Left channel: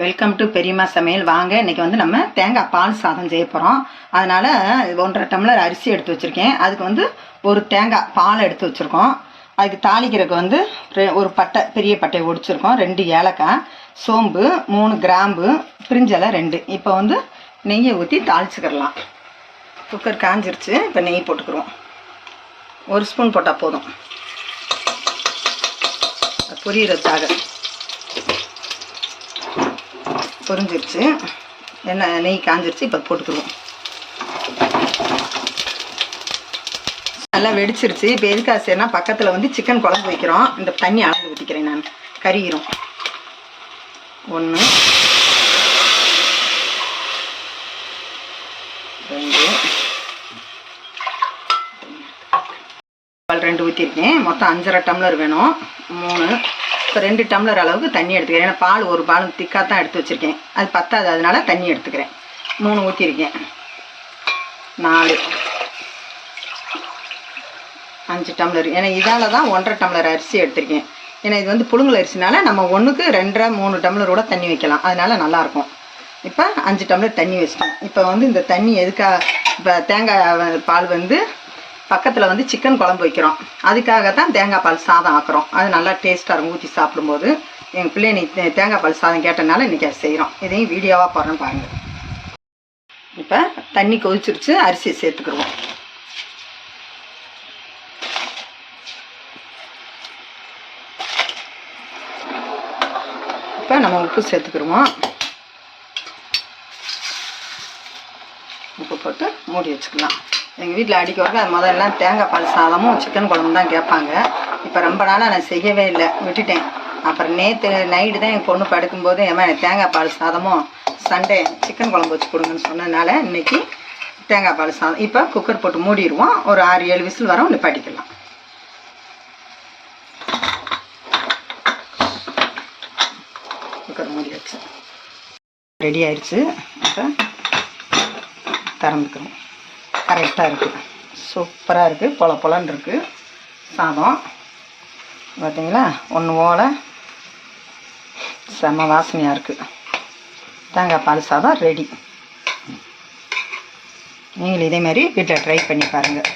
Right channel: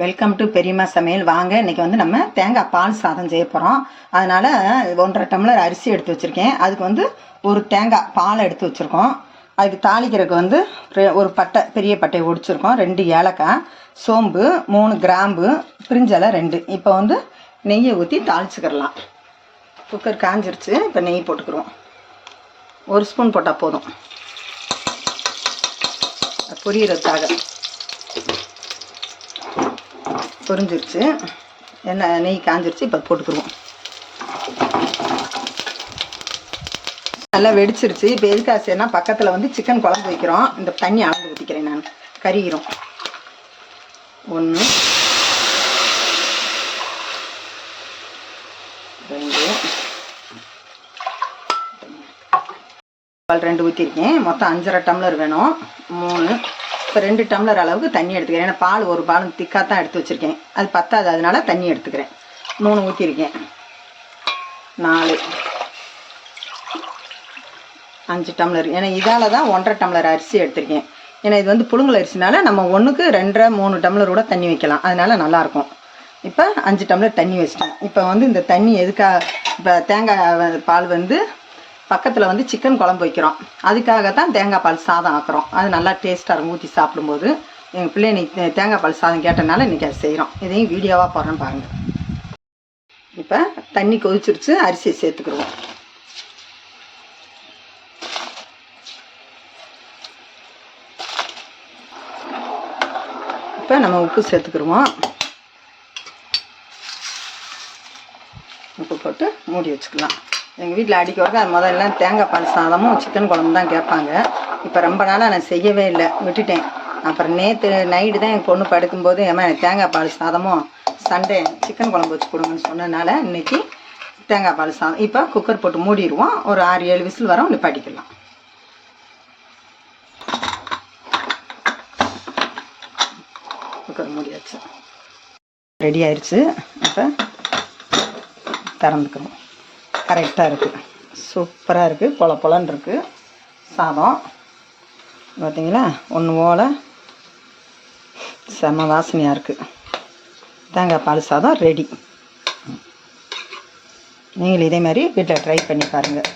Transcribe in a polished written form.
Welcome to பெரியம்மா சமையல். வாங்க, இன்றைக்கி வந்து நம்ம தேங்காய் பால் சாதம் செய்ய போகிறோம். அதனால் 1.5 டம்ளர் அரிசி எடுத்து வச்சுருக்கேன். அதுக்கு வந்து ஒரு தேங்காய் பால் எடுத்து வச்சுருக்கோம். அதுக்கு தாளிக்கிறதுக்கு வந்து ஒரு பட்டை, பெரிய பட்டையை ஒடிச்சிருக்கோம், 2 ஏலக்காய், சோம்பு, 3 கிராம்பு, பிரிஞ்சலை 2. இப்போ வந்து நெய்யை ஊற்றி தாளிச்சுக்கிடலாம். குக்கர் காஞ்சிருச்சு. இப்போ நெய் போட்டுக்கிறோம். 1 ஸ்பூன் போட்டால் போதும், பொரியறதுக்காக. பொரிஞ்சிருச்சு, நெய் காஞ்சிருச்சு. இப்போ போட்டுக்குருவோம். நல்லா வெடிச்சிருச்சு. இப்போ எதுக்காக செய்யனா, பக்கத்தில் வந்து சிக்கன் குழம்பு வைக்கிறோம். இந்த தண்ணி அளந்து ஊற்றிக்கிறேன் நான், கறிகிறோம். 1 2 ஊற்றிருக்கேன். மொத்தம் 5.5 டம்ளர் வேணும். 3 இப்போ 2 டம்ளர் அளவுக்கு தண்ணி எடுத்துக்கிறேன். ஏன்னா பால் ஒரு பால் திக்காக தான் எடுத்து வச்சுருக்கேன், அது பத்தாது, அதனால தண்ணி எடுத்துக்கிறேன். 3 ஊற்றிருக்கேன். 4 5 டம்ளர். ஏன்னா இதால் தான் 1.5 டம்ளர் அரிசி எடுத்திருக்கேன். ஏன்னா இது வந்து புழுங்கல் அரிசினால நம்ம 1க்கு 2.5 3 டம்ளரோட தண்ணி வைக்கலாம், அதனால் நல்லாயிருக்கும். இப்போ 5 டம்ளர் தண்ணி வச்சிட்டேன். இப்போ வந்து இந்த தண்ணி எதுக்காக, இப்போ தேங்காய் பால் வந்து பக்கத்தில் வந்து சிக்கன் குழம்பு வைக்கிறோம், அதுக்காக தான் தேங்காய் பால் சாதம் ஆக்குறோம். அது நல்லா டேஸ்ட்டாக இருக்கும் ஊற்றி சாப்பிடும்போது. எங்கள் பிள்ளை நீ தேங்காய் பால் சாதம் கேட்டனால இன்றைக்கி அதை செய்கிறோம். இதையும் வீடியோவாக போடுறோம் பாருங்கள். இப்போ தண்ணி கொதிச்சிருச்சு, அரிசி சேர்த்துக்குருவோம். இப்போ நம்ம உப்பு சேர்த்துக்குருவோம். உப்பு போட்டு மூடி வச்சுக்கலாம். எங்கள் வீட்டில் அடிக்க வரது அது முதல்ல தேங்காய் பால் சாதமும் சிக்கன் குழம்பு தான் கேட்பாங்க. இப்போ ரொம்ப நாளாக நான் செய்யவே இல்லை, விட்டுட்டேன். அப்புறம் நேற்று நைட்டு தான் என் பொண்ணு படுக்கும்போது, ஏமா தேங்காய் பால் சாதமும் சண்டே சிக்கன் குழம்பு வச்சு கொடுங்கன்னு சொன்னதுனால இன்றைக்கி தேங்காய் பால் சாதம். இப்போ குக்கர் போட்டு மூடிடுவோம். ஒரு 6-7 விசில் வரோம், நிப்பாட்டிக்கலாம். குக்கர் மூடியாச்சு, ரெடி ஆயிடுச்சு. இப்போ திறந்துக்கிறோம். கரெக்டாக இருக்குது, சூப்பராக இருக்குது, பொலன்னு இருக்குது சாதம். பார்த்தீங்களா, ஒன்று போல் செம்ம வாசனையாக இருக்குது. தேங்காய் பால் சாதம் ரெடி. நீங்கள் இதே மாதிரி வீட்டில் ட்ரை பண்ணி பாருங்கள்.